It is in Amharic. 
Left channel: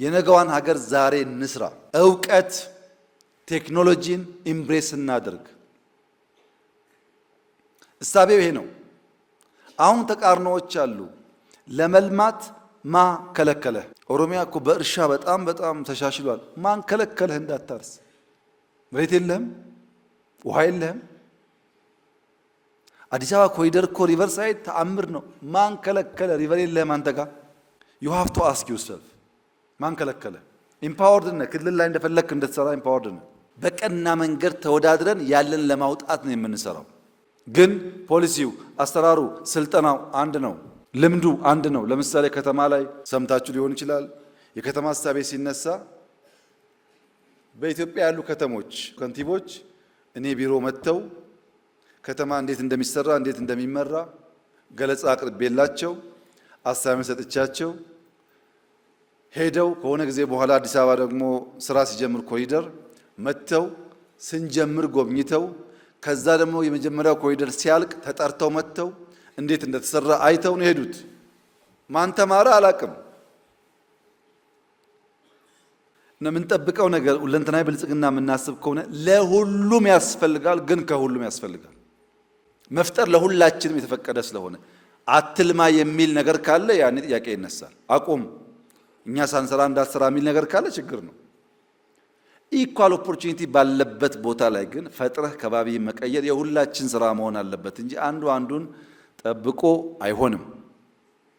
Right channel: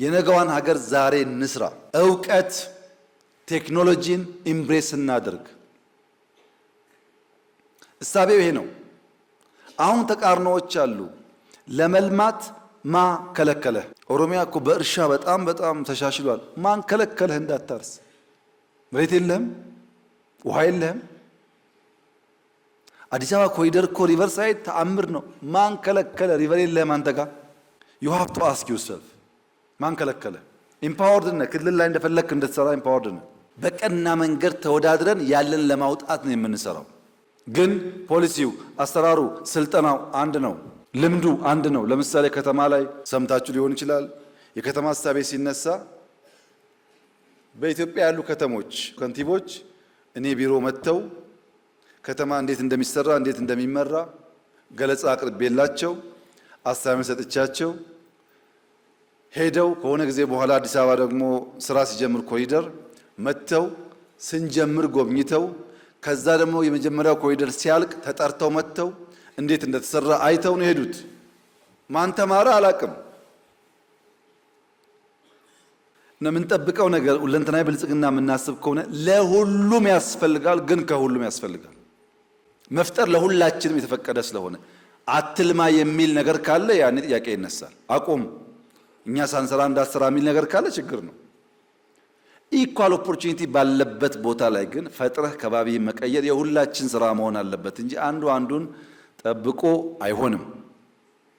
የነገዋን ሀገር ዛሬ እንስራ። እውቀት ቴክኖሎጂን ኢምብሬስ እናድርግ። እሳቤው ይሄ ነው። አሁን ተቃርኖዎች አሉ። ለመልማት ማ ከለከለህ? ኦሮሚያ እኮ በእርሻ በጣም ተሻሽሏል። ማን ከለከለህ እንዳታርስ? መሬት የለህም፣ ውሃ የለህም። አዲስ አበባ ኮሪደር እኮ ሪቨር ሳይድ ተአምር ነው። ማን ከለከለ? ሪቨር የለህም አንተ ጋር። ዩ ሃቭ ቱ አስክ ዩርሰልፍ ማን ከለከለ? ኢምፓወርድ ነህ። ክልል ላይ እንደፈለክ እንድትሰራ ኢምፓወርድ ነህ። በቀና መንገድ ተወዳድረን ያለን ለማውጣት ነው የምንሰራው። ግን ፖሊሲው፣ አሰራሩ፣ ስልጠናው አንድ ነው። ልምዱ አንድ ነው። ለምሳሌ ከተማ ላይ ሰምታችሁ ሊሆን ይችላል። የከተማ ሀሳቤ ሲነሳ በኢትዮጵያ ያሉ ከተሞች ከንቲቦች እኔ ቢሮ መጥተው ከተማ እንዴት እንደሚሰራ እንዴት እንደሚመራ ገለጻ አቅርቤላቸው አሳቢ ሰጥቻቸው ሄደው ከሆነ ጊዜ በኋላ አዲስ አበባ ደግሞ ስራ ሲጀምር ኮሪደር መጥተው ስንጀምር ጎብኝተው ከዛ ደግሞ የመጀመሪያው ኮሪደር ሲያልቅ ተጠርተው መጥተው እንዴት እንደተሰራ አይተው ነው ሄዱት። ማን ተማረ አላቅም። የምንጠብቀው ነገር ሁለንተናዊ ብልጽግና የምናስብ ከሆነ ለሁሉም ያስፈልጋል፣ ግን ከሁሉም ያስፈልጋል። መፍጠር ለሁላችንም የተፈቀደ ስለሆነ አትልማ የሚል ነገር ካለ ያኔ ጥያቄ ይነሳል። አቁም እኛ ሳንሰራ እንዳትሰራ የሚል ነገር ካለ ችግር ነው። ኢኳል ኦፖርቹኒቲ ባለበት ቦታ ላይ ግን ፈጥረህ ከባቢ መቀየር የሁላችን ስራ መሆን አለበት እንጂ አንዱ አንዱን ጠብቆ አይሆንም።